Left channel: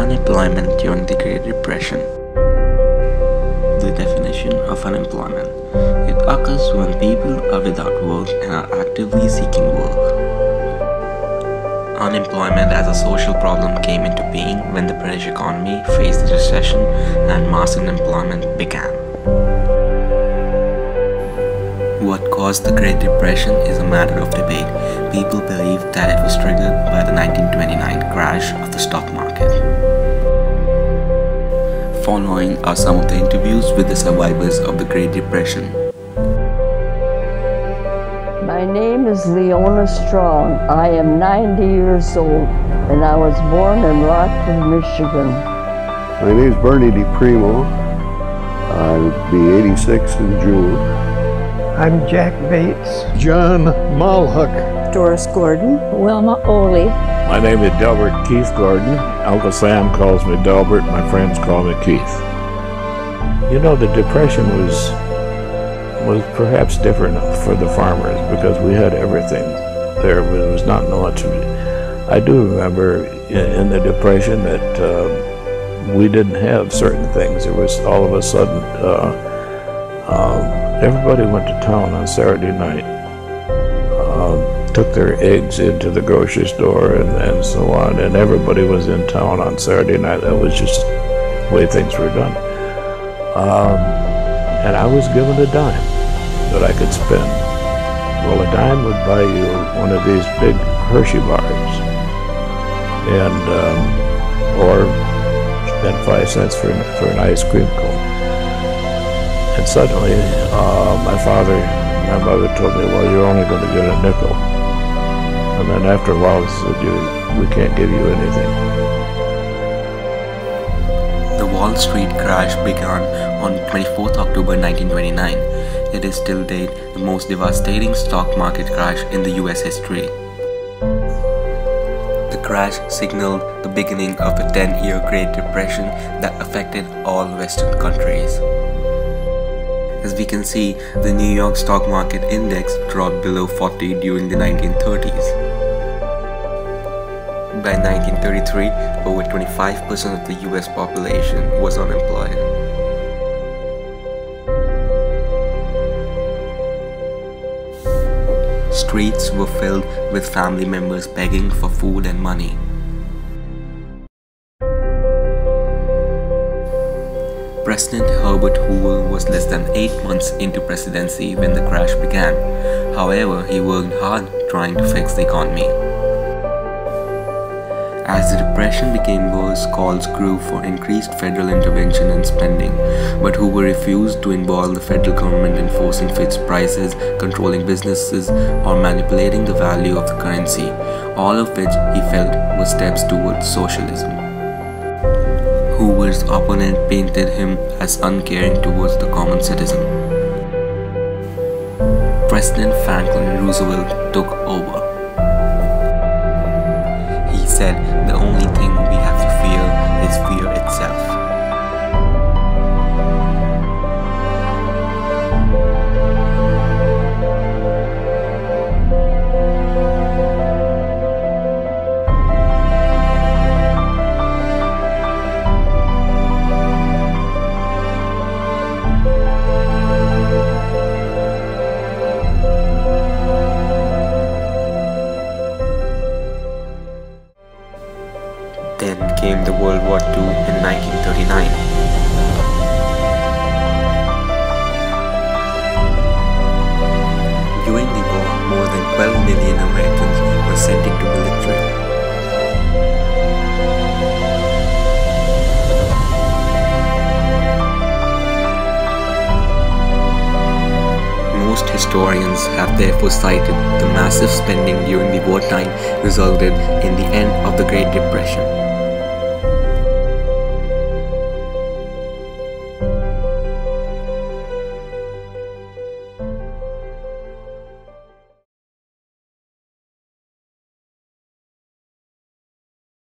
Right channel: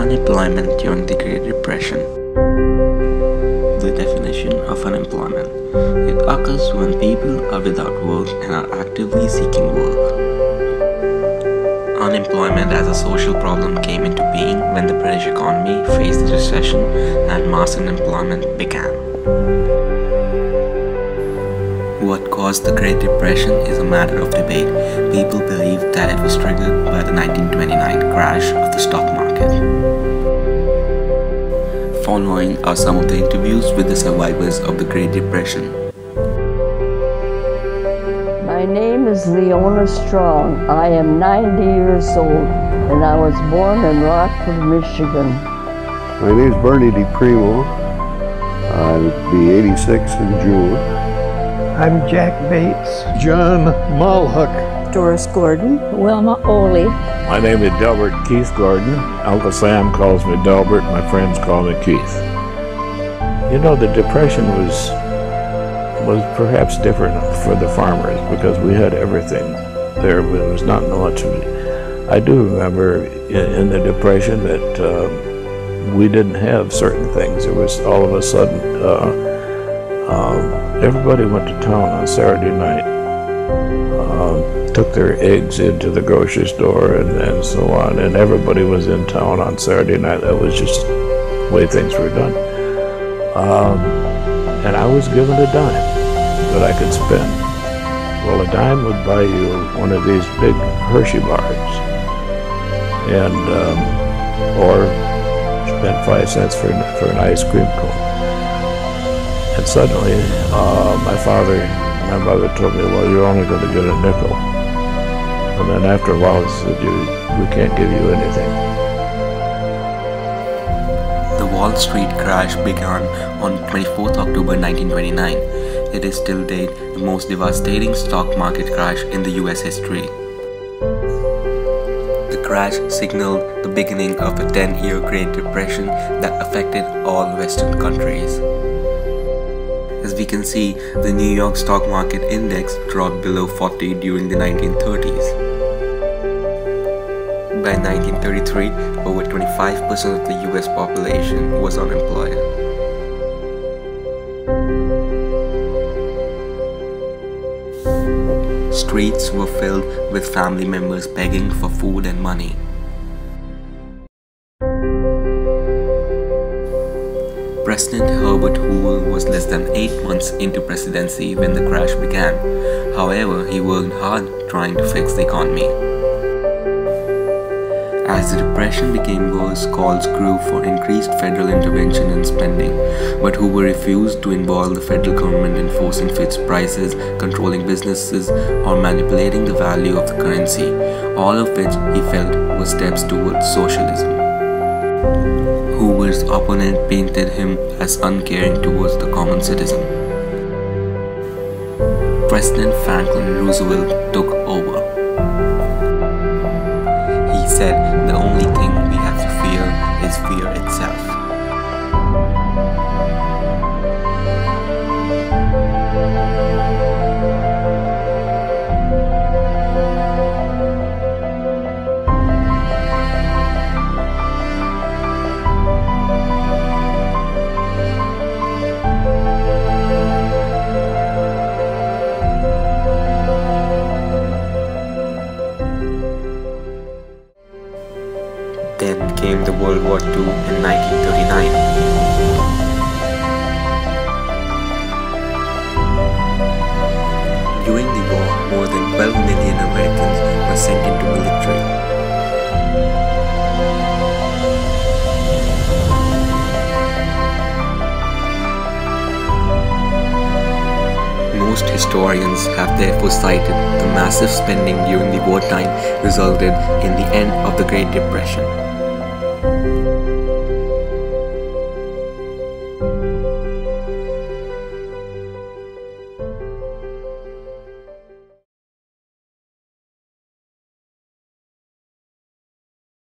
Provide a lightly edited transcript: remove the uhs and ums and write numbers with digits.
Unemployment during the Great Depression. The definition of unemployment. It occurs when people are without work and are actively seeking work. Unemployment as a social problem came into being when the British economy faced a recession and mass unemployment began. What caused the Great Depression is a matter of debate. People believe that it was triggered by the 1929 crash of the stock market. Following are some of the interviews with the survivors of the Great Depression. My name is Leona Strong. I am 90 years old and I was born in Rockford, Michigan. My name is Bernie DiPrimo. I'll be 86 in June. I'm Jack Bates. John Mulhook. Doris Gordon. Wilma Oley. My name is Delbert Keith Gordon. Uncle Sam calls me Delbert. My friends call me Keith. You know, the Depression was perhaps different for the farmers because we had everything there. There was not much. I do remember in the Depression that we didn't have certain things. There was all of a sudden everybody went to town on Saturday night, took their eggs into the grocery store and so on, and everybody was in town on Saturday night. That was just the way things were done. And I was given a dime that I could spend. Well, a dime would buy you one of these big Hershey bars, and or spend 5 cents for an ice cream cone. And suddenly, my father and my mother told me, well, you're only going to get a nickel. And then after a while, they said, we can't give you anything. The Wall Street crash began on 24th October 1929. It is till date the most devastating stock market crash in the US history. The crash signaled the beginning of a 10-year Great Depression that affected all Western countries. As we can see, the New York stock market index dropped below 40 during the 1930s. By 1933, over 25% of the US population was unemployed. Streets were filled with family members begging for food and money. President Herbert Hoover was less than 8 months into presidency when the crash began. However, he worked hard trying to fix the economy. As the Depression became worse, calls grew for increased federal intervention and spending, but Hoover refused to involve the federal government in forcing fixed prices, controlling businesses, or manipulating the value of the currency, all of which he felt were steps towards socialism. Hoover's opponent painted him as uncaring towards the common citizen. President Franklin Roosevelt took over. He said the only thing we have to fear is fear itself. Then came the World War II in 1939. During the war, more than 12 million Americans were sent into military. Most historians have therefore cited the massive spending during the wartime resulted in the end of the Great Depression.